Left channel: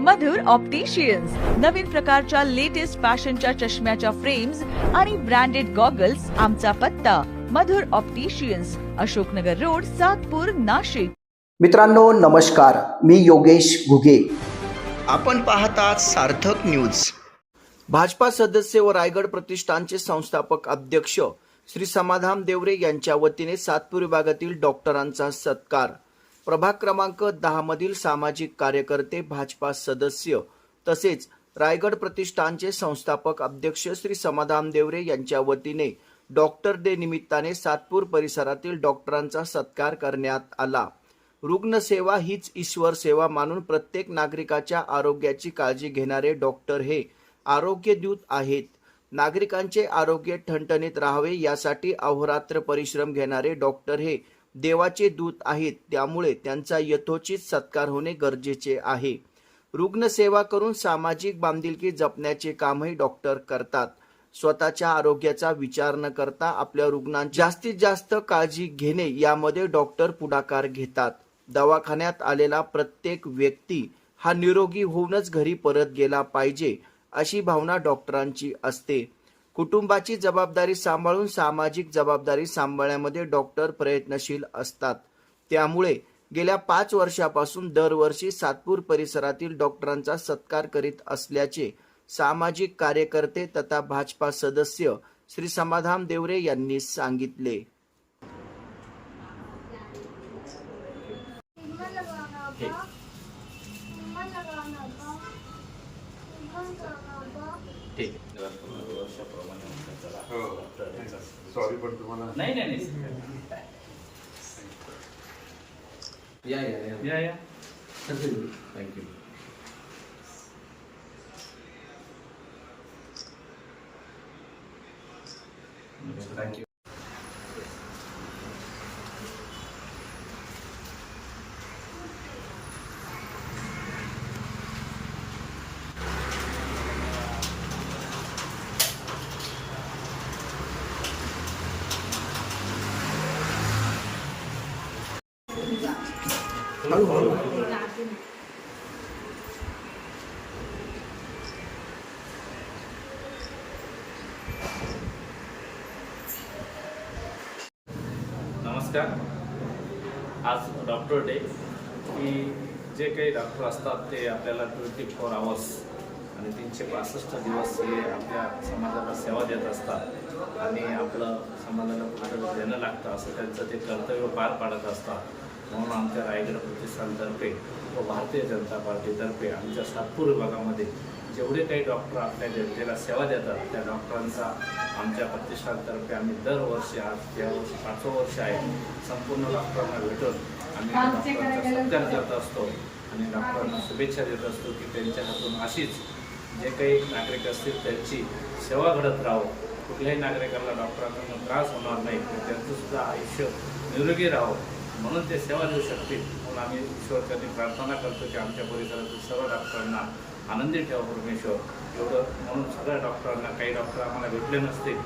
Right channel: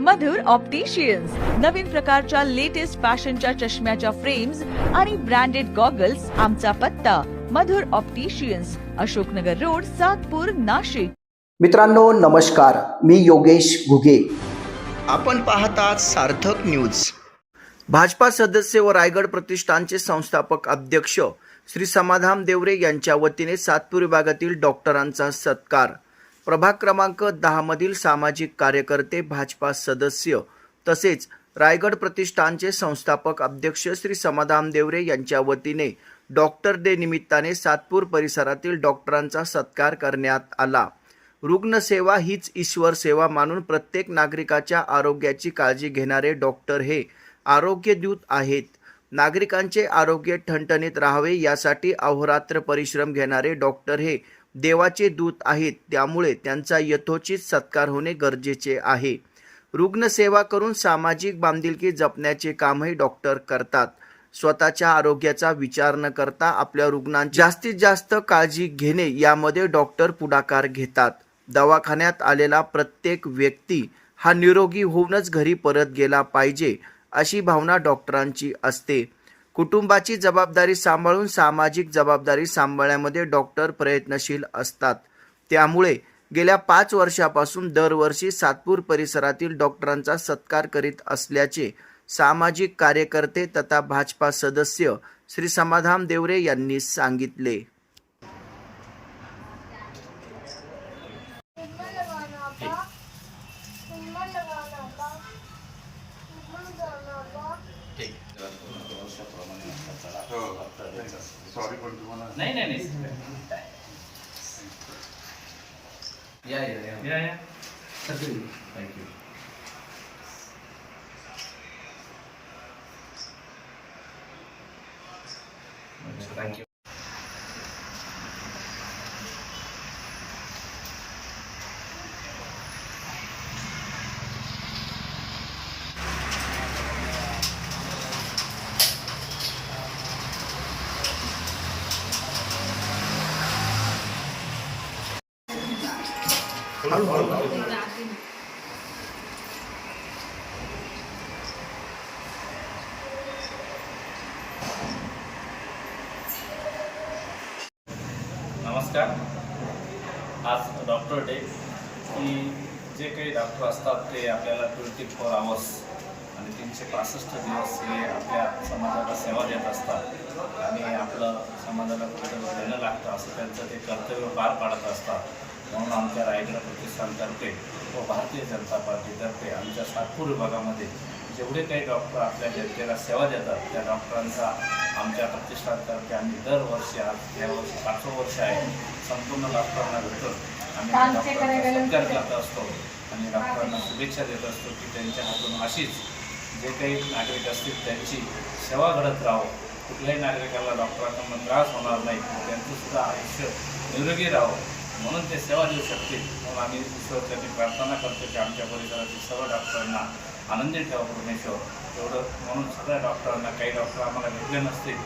मधुर opticians नवीन प्रकारच्या latest फॅशनच्या चष्म्याच्या फ्रेम्स आणि ब्रँडेड गॉगल्स आमचा पत्ता. Madhur opticians Ashoknagar road Satpur Nashik. मित्रांनो नमस्कार. मी योगेश घुगे. आपण पाहतात सार्थक न्यूज भाजपा सदस्य व रायगड प्रतिष्ठानचे संस्थापक अध्यक्ष श्री समाधान देवरे यांच्या वतीने सातपूर विभागातील डॉक्टरांचा सत्कार. प्रभाग क्रमांक दहा मधील सामाजिक कार्यकर्ते भाजपा सदस्य तसेच रायगड प्रतिष्ठानचे संस्थापक अध्यक्ष श्री समाधान देवरे यांच्या वतीने डॉक्टर डे निमित्ताने सातपूर परिसरातील डॉक्टरांचा सत्कार करण्यात आला. रुग्णसेवा हीच ईश्वर सेवा मानून प्रत्येक नागरिकाच्या आरोग्याची काळजी घेणारे डॉक्टर हे आरोग्यदूत आहेत. नागरिकांचे आरोग्य ठणठणीत राहावे यासाठी अहोरात्र परिश्रम घेणारे डॉक्टर हे देवाचे दूत आहेत त्यामुळे त्यांचा यथोचित सत्कार होणे गरजेचे आहे. रुग्णसेवा करून सामाजिक बांधिलकी जपण्याचे कामही डॉक्टर करतात. स्वतःच्या आरोग्याचा विचार न करता आपल्या रुग्णांची जास्तीत जास्त काळजी घेणे यामध्ये डॉक्टर पुढाकार घेतात. दवाखान्यात आलेला प्रत्येक व्यक्ती हा निरोगी होऊनच घरी परत गेला पाहिजे अशी भावना डॉक्टरांची असते. कुटुंबाची जबाबदारी सांभाळून सामाजिक जबाबदारी सांभाळण्यामध्ये डॉक्टर प्रयत्नशील असतात. त्यामुळे गेल्या पाच वर्षापासून दरवर्षी सातपूर परिसरातील डॉक्टरांचा सत्कार करीत असल्याचे सामाजिक कार्यकर्ते तथा भाजपा सदस्य श्री समाधान देवरे यांनी सांगितले. Umma बा सॉरी पण तुम्हाला नाही नाही नाही. या या या. या, या. थँक्यू नमस्कार. आज डॉक्टर डे की जे काही डॉक्टर असतात ते आपल्याला ट्वेंटी फोर आवर्स आणि तीनशे पासष्ट दिवस हे आपल्या समाजाला सेवा देत असतात. आणि आपलं समाजाला कुठेतरी देणं लागतं असं त्यांचं ते कर्तव्य पार पाडत असतात. म्हणून आमच्या रायगड प्रतिष्ठानतर्फे व भारतीय जनता पार्टीतर्फे आमच्या सातपूर विभागामध्ये जेवढे काही डॉक्टर आपल्या जनतेला सेवा देतात त्या डॉक्टरांचा आमच्या प्रतिष्ठानतर्फे आम्ही दरवर्षी आज यावर्षी पाचवं वर्ष आहे संपूर्ण डॉक्टरांना भेटून आम्ही डॉक्टरांचा सत्कार करत असतो आणि डॉक्टरांना शुभेच्छा देत असतो की त्यांच्या हातून अशीच जे काही नागरिक असतील त्यांची सेवा घडत राहो कुठल्याही नागरिकाला डॉक्टरांकडून त्रास होणार नाही त्यांचं सुद्धा आयुष्य निरोगी राहावं. म्हणून ते सेवा देऊ शकतील. म्हणून आम्ही ईश्वरच्यांनी प्रार्थना करतो की आमच्या परिसरातील सर्व डॉक्टरांना आनंदी ठेवा परमेश्वर. एवढं म्हणून सगळ्या डॉक्टरांना काही डॉक्टर आम्हाला भेटले नसतील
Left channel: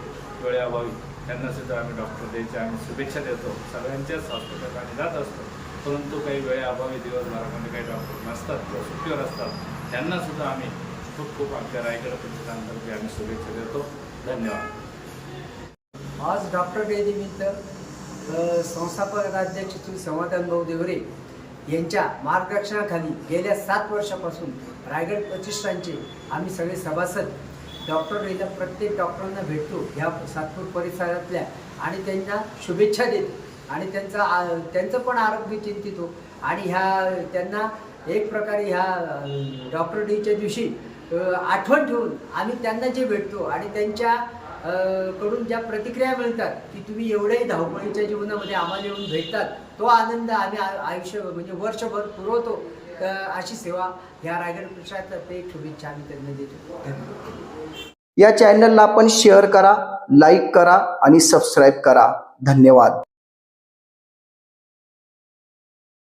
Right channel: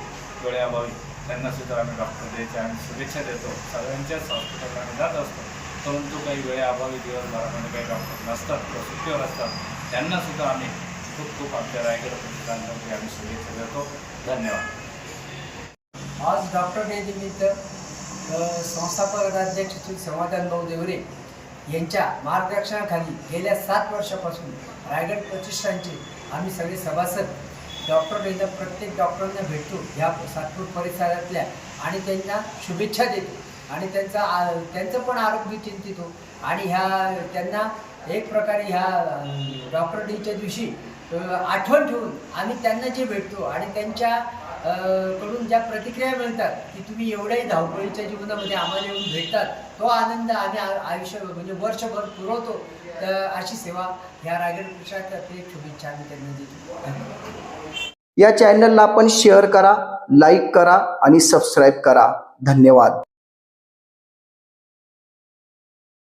वेळेअभावी त्यांनासुद्धा आम्ही डॉक्टर द्यायच्या आम्ही शुभेच्छा देतो. सगळ्यांच्याच हॉस्पिटलला आम्ही जात असतो. परंतु काही वेळेअभावी दिवसभरामध्ये काही डॉक्टर नसतात किंवा सुट्टीवर असतात त्यांनासुद्धा आम्ही खूप खूप आमच्या रायगड प्रतिष्ठानतर्फे आम्ही शुभेच्छा देतो. धन्यवाद. आज डॉक्टर डे निमित्त संस्थापक अध्यक्ष श्री समाधान भाऊ देवरे यांच्या मार्गदर्शनाखाली गेल्या सात वर्षापासून रायगड प्रतिष्ठानचे आम्ही सगळे सभासद. डॉक्टर डेला प्रत्येक डॉक्टरांना भेटतो ह्या सातपूर परिसरातल्या आणि त्यांना शुभेच्छा देतो. आणि त्यांचा आ- त्यांचं पण आरोग्य चिंतितो हो. आणि ह्या त्यांना एक प्रकारे ह्या डॉक्टर डेच्या दिवशी आठवण ठेवून आम्ही त्यांना जे भेटतो आणि त्यांच्या कडून ज्या प्रतिक्रिया मिळतात की तुम्ही एवढ्याही धावपळीच्या जीवनामध्ये आम्हाला येऊन भेटतात तो आनंद आम्ही आयुष्य म्हणजे वर्षभर पुरवतो. तर अशी सेवा ह्या रायगड प्रशासनातर्फे शुभेच्छा आम्ही त्यांना देतो. या चॅनलला आपण शेअर करा लाईक करा आणि सबस्क्राईब करा. धन्यवाद.